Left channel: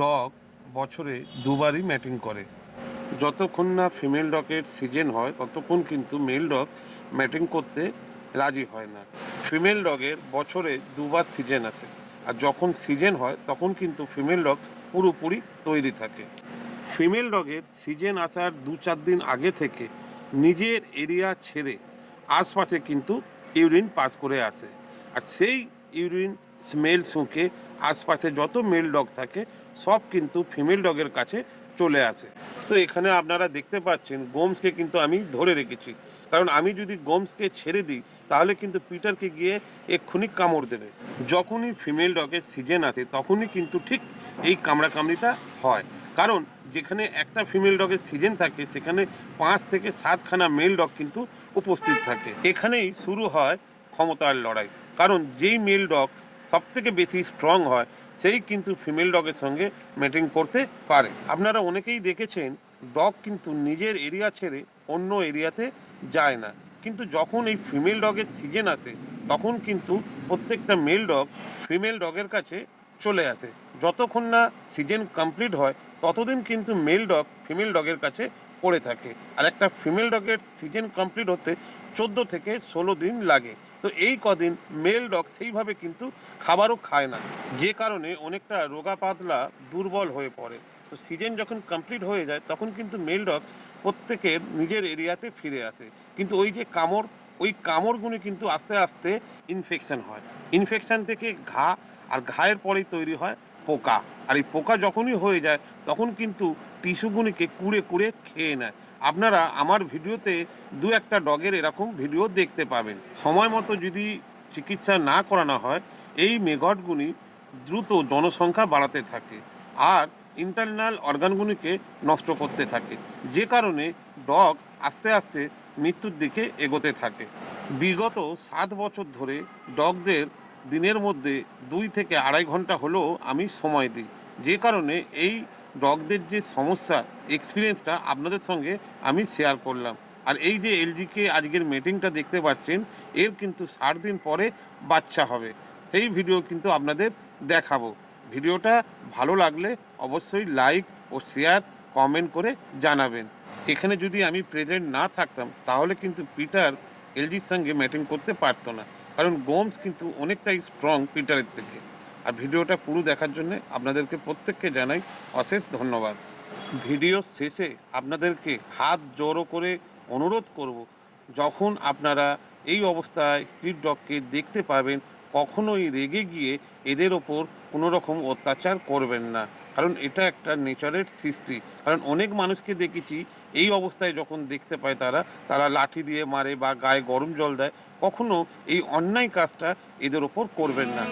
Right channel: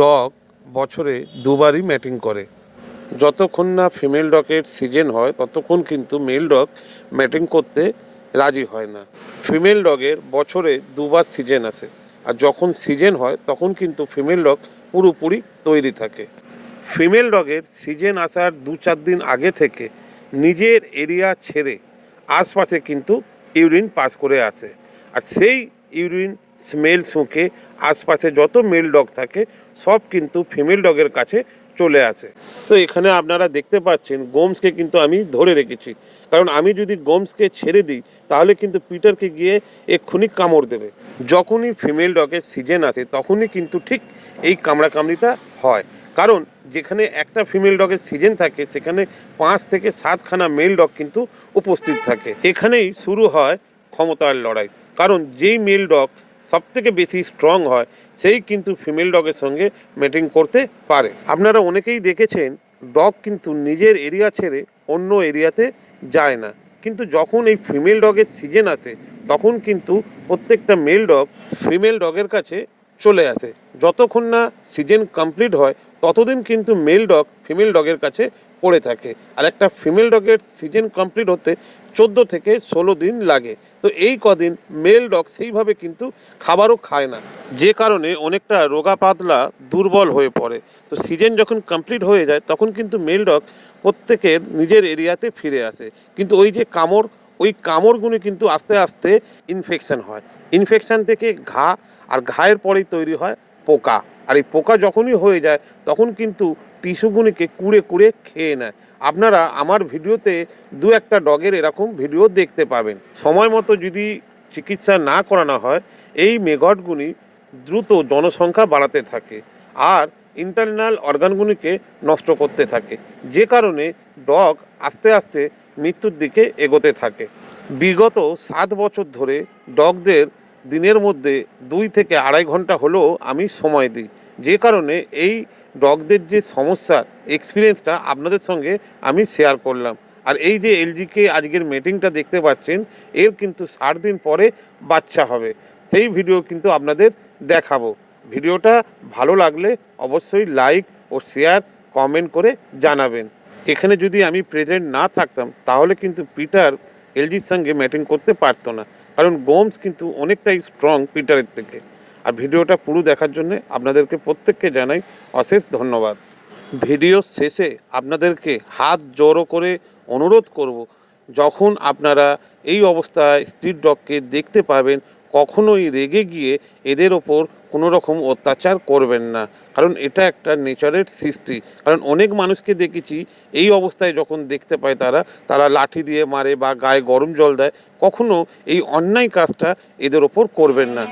Dog বছরে দুবারই matting করে। যতক্ষণ না ফিমেল ডগের সিজন হয় ততক্ষণ কিন্তু মেল ডগ ম্যাটিং করতে রাজি হয় না। ফিমেল ডগের বছরে দুবার সিজন আসে, আর যখন সিজন হয় তখন কিন্তু ফিমেল ডগ পুরোপুরি তৈরি থাকে। ফিমেল ডগের সিজন আসার 2-4 দিন আগে থেকে নিজের এরিয়া ছেড়ে আশপাশে কিন্তু ইউরিন পাস করে আসে, আর সেই ইউরিন স্মেল শুঁকে আশপাশে যত মেল ডগ থাকে সব কিন্তু ফিমেল ডগের কাছে চলে আসে। তো এখানে আপনারা দেখতে পাচ্ছেন গোমসকে কিন্তু আমি ধরে রেখেছি, কারণ আমি যদি গোমসকে ছেড়ে দিই তাহলে কিন্তু পিটারকে গিয়ে এক্ষুনি কামড় দেবে। যখনই ফিমেল ডগের সিজন আসে তখনই কিন্তু ঠিক এই কামড়াকামড়িটা হয়, কারণ যেখানে একটা ফিমেল ডগের সিজন থাকে সেখানে 5 থেকে 7খানা মেল ডগ কিন্তু উপস্থিত থাকে। এখানেই শুরু হয় ক্ষমতার লড়াই, কারণ যেই মেল ডগ সব থেকে বেশি স্ট্রং হয় সেই কিন্তু ফিমেল ডগের সঙ্গে ম্যাটিং করতে পারে। আপনারা অনেকেই দেখেছেন ডগ কিন্তু নিজের এরিয়া ছেড়ে অন্য এরিয়াতে যায় না, কিন্তু যখন এই ফিমেল ডগের সিজন আসে তখন কিন্তু প্রত্যেকটা মেল ডগ ফিমেল ডগের কাছে চলে আসে। যতক্ষণ না সিজন কমপ্লিট হয় ততদিন কিন্তু মেল ডগ ফিমেল ডগের কাছে পড়ে থাকে, আর একটা ফিমেল ডগের সিজন কমপ্লিট হতে 14 থেকে 16 দিন লাগে। তো এই কদিন মেল ডগ সেইভাবে কিন্তু খাবারও খায় না, যে কারণে অনেকটা রোগা পাতলা দুর্বল হয়ে পড়ে। তো সিজন যখন কমপ্লিট হয়ে যায় তখন কিন্তু মেল ডগ প্রত্যেকের নিজের এরিয়াতে ফিরে আসে, কিন্তু ওই যে কামড়, ওই কামড়গুলো কিন্তু আস্তে আস্তে ইনফেকশন হয়। ইনফেকশন থেকে ঘা, আর ঘায়ের পরেই তৈরি হয় পোকা, আর এই পোকা যখনই হয়ে যায় তখন কিন্তু টিস্যুগুলিকে কুড়ে কুড়ে খেয়ে নেয়। আপনারা আমার ভিডিওতে 2-1টা ডগের এরকম ভিডিও দেখতে পাবেন। সময় মতো যদি চিকিৎসা না করানো হয় এই মেগটগুলি দ্রুত জনসংখ্যা বাড়াতে থাকে আর ইন্টারনাল অর্গানগুলিকে নষ্ট করতে থাকে, যে কারণে ডগ আস্তে আস্তে মৃত্যুর দিকে এগোতে থাকে। বিগত 7 বছর ধরে ডগদের দিনের মধ্যে 2 থেকে 2.5 ঘন্টা হলেও আমি সময় দিই, যে কারণে এই ডগদের যে সমস্যার এক্সপিরিয়েন্সটা আপনাদের সঙ্গে আমি শেয়ার করলাম। আর এই যে এলজিকে আজকের মিটিংটা দেখতে পাচ্ছেন, এর কিন্তু 60 দিন পরে বাচ্চা হবে, সেই ভিডিও কিন্তু আপনাদের দেখাবো। ভিডিওটা ভালো লাগলে অবশ্যই লাইক ও শেয়ার কমেন্ট করে জানাবেন। এখানে যদি আমি প্রেজেন্ট না থাকতাম তাহলে কিন্তু পিটার এলজির সঙ্গে ম্যাটিং করতে পারতো না, কারণ গোমস কিন্তু অনেকটাই স্ট্রং পিটারের থেকে। আর ভিডিওটা পুরো দেখার জন্য আপনাদেরকে প্রত্যেককে জানাই অশেষ ধন্যবাদ। ভিডিও শেষে আপনাদেরকে হাত জোড়ো করে অনুরোধ করব, যখন আপনারা এই অবস্থায় স্ট্রিট ডগকে দেখতে পাবেন কখনোই রেগে গিয়ে এদের ওপর কোনো রকম অত্যাচার করবেন না, কারণ এটা একটা নেচারের সৃষ্টি। কারণ অনেক মানুষকে দেখেছি এই অবস্থায় যখন দেখতে পায় তারা লাঠি দিয়ে মারে বা গায়ে গরম জল দেয়। কখনো এই অন্যায় কাজটা এদের ওপর করবেন না।